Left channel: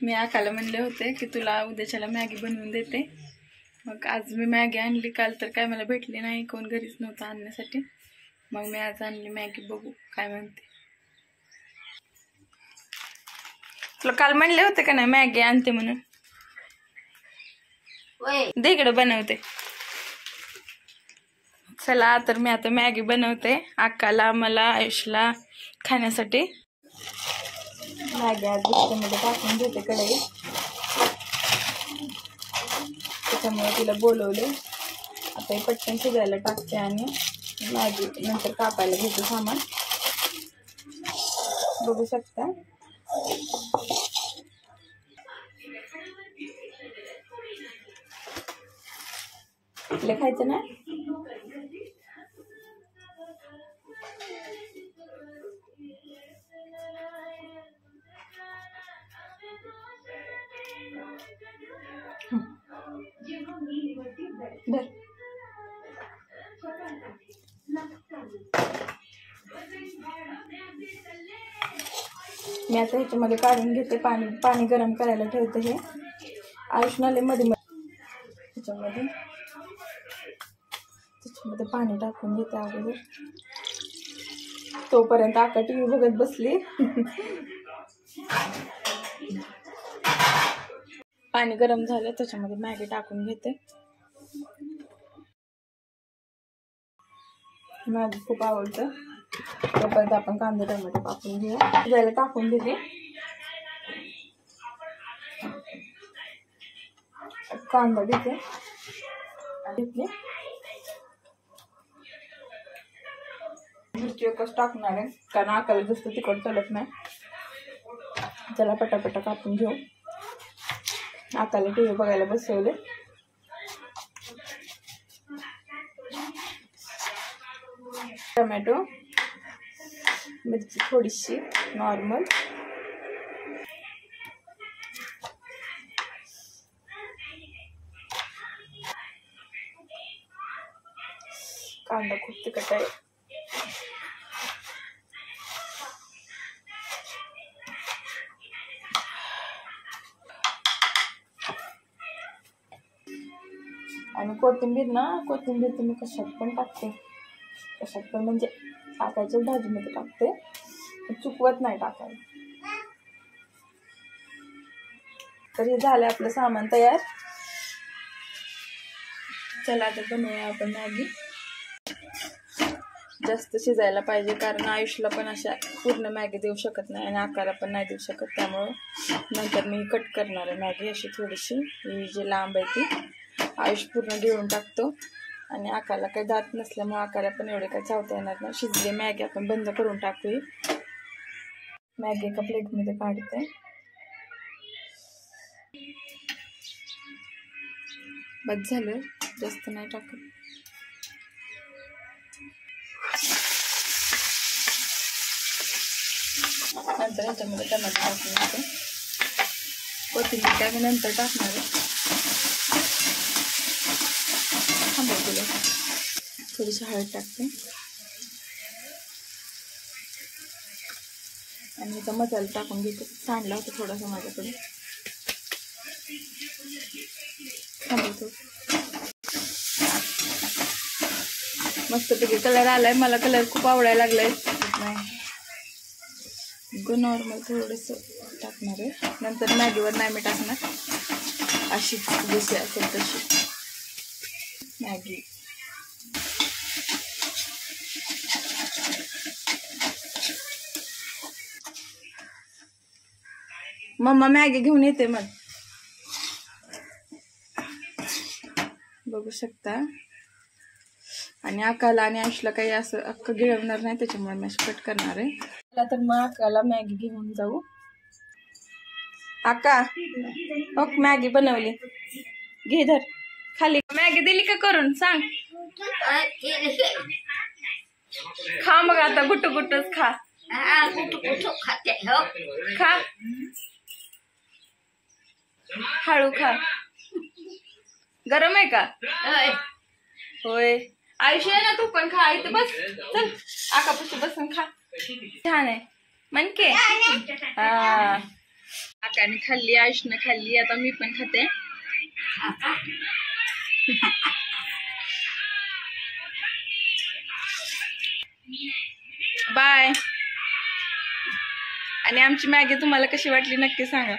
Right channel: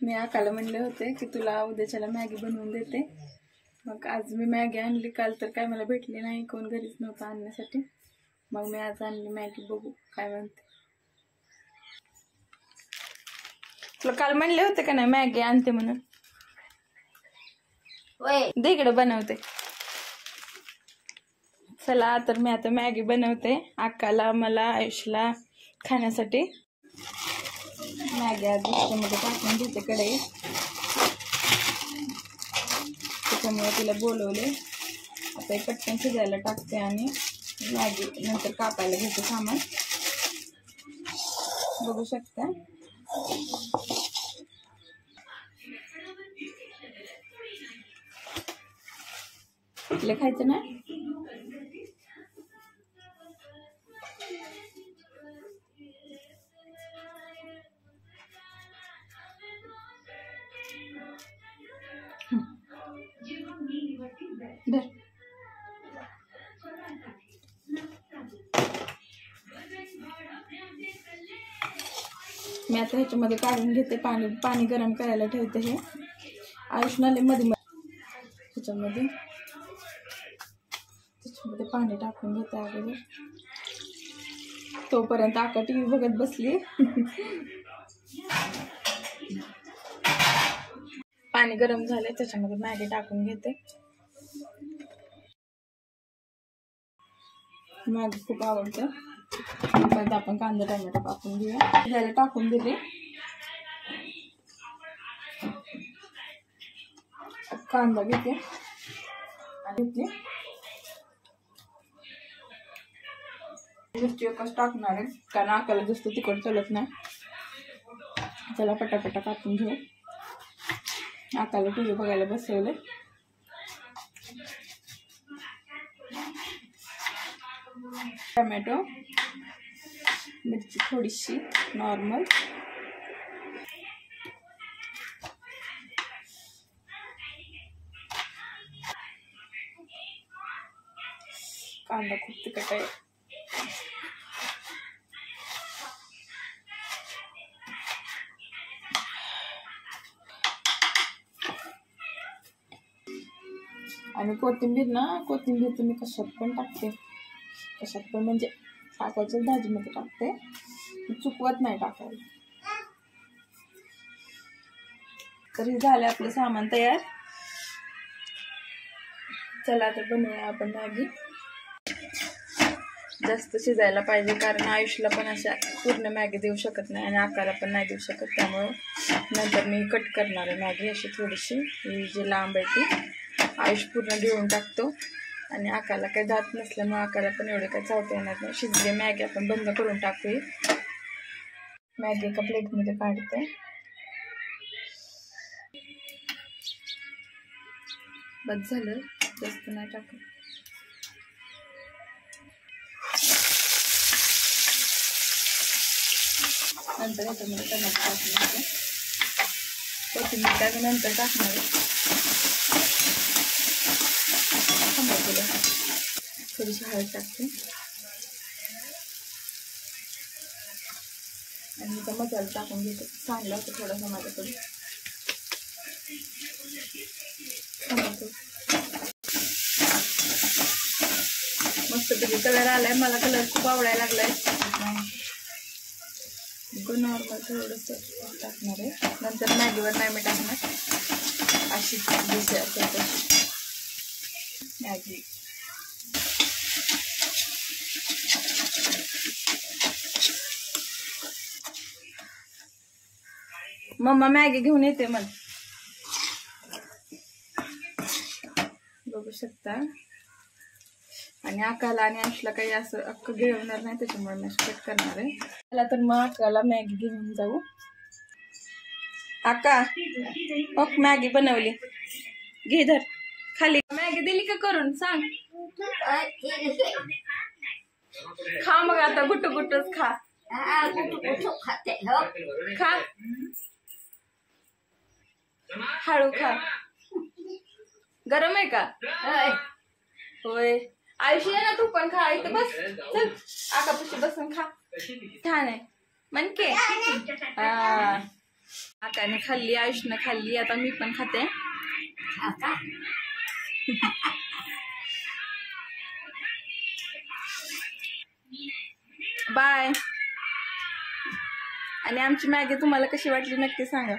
मी आकाला म्हणले होते की तुला उद्याच्याला मॅगी बनवून देते. मग आज मी मॅगी आणली. काल तर काय मला भेटली नाही, कोण घरीच नव्हतं आणण्यासाठी. मग मी आज आणली मॅगी, बघू काय म्हणते. तुला काल म्हणले होते का नाही मॅगी आणते म्हणून? दे इकडे बनवते. चला तर मी आता मॅगी बनवते आकाला, मला, आयुषला खाण्यासाठी. मॅगी आज मध्ये टाकून घेते कढई, त्याच्यामुळे तिला बोलवले. आता हे पटकन शिजायला टाकते आणि मॅगी नंतर कापायला घेते सामान. बघू शकता. तुला खायचं ना? धर. मी आता ह्याच्यामध्ये काढून घेते. पाणी गरम करायला ठेवते. हे आयुष्याला मध्ये ह्याच्यामध्ये पाणी टाकून घेते अगोदर. तोपर्यंत आका टीव्ही बघत बसली. पाणी गरम झाले, त्याच्यामध्ये मॅगी टाकून घेते. मॅगी खूप आवडतं. तोपर्यंत आपण कांदा टोमॅटो कापून घेऊया. जरा टाकून दिले. कांदा घेते. मिरची एकच टाकणार आहे कारण आकाला जास्त तिखट चालत नाही. चला पटापटा कापून घेऊ. आकाला टीव्ही बघायला बसवले. टोमॅटो, मिरची थोडीशी नॉर्मल, कांदा खूप तिखट आहे. आणि कोथिंबीर तुम्ही कशात पण टाकते, कशात पण म्हणजे टाकायच्या भाजीमध्ये टाकते, चुकवत नाही टाकायला. तर हे झालं आपलं सामान तयार. चला तर बनवूया आपण मॅगी. जास्त शिजायला पाहिजे कारण आयुषला पण अशा पूर्ण मॅगी देऊ शकत नाही आणि आकाला पण नाही देऊ शकत. त्यामुळं नंतर मी कट करणार आहे मॅगी अशी थोडीशी. ही जी लांब आहे ती आयुष पूर्ण गिळून टाकतो आणि आकाला काही दात नसल्यामुळे आकाला पण एवढे काही चावता येणार नाही. शिजले मॅगी आपण बंद करून टाकूया. मॅगी एका प्लेटमध्ये काढते. बस झालं, जास्त नाही टाकत. नंतर ह्याच्यामध्ये टमाटर टाकून घेते. कोथिंबीर काय नंतर टाकणार आहे. थोडीशी हळद टाकते आणि इथं मसाला टाकून घेते. सांडला होता थोडासा माझ्याकडे. मस्तपैकी कलर आलाय. मला कलर खूप आवडायला लागलाय. नॉर्मल थोडंसं टाकणार आहे. नंतर मॅगीवर नाही मी टाकणार, अशी जशी असेल तशी मॅगी. मम्मा मॅगी घेऊन येते मग. बघू शकता. आणि आकाला आणि आयुषला काही असं अख्खं गिळवणार नाही, त्याच्यामुळे मी कट करणार आहे. चला तर मग आकाला मॅगी घेऊन जाऊ. आका मॅगी बनवली, घे धर खाली. मॅगी दिली का करून सांग. खा मग आता, गुट्टू गुट्टूच खा. खा हळू खा. गरम आहे का? होय. आयुष्य आहे ना, तू पण खा. इथे बस, चल आकापाशी बसून खा. छान आहे म्हणके. हा आकाने खाल्ली, आयुषनं खाल्ली, आता मी पण खाते. बाय. आणि आमची मॅगी तुम्हाला कशी वाटली नक्की सांगा.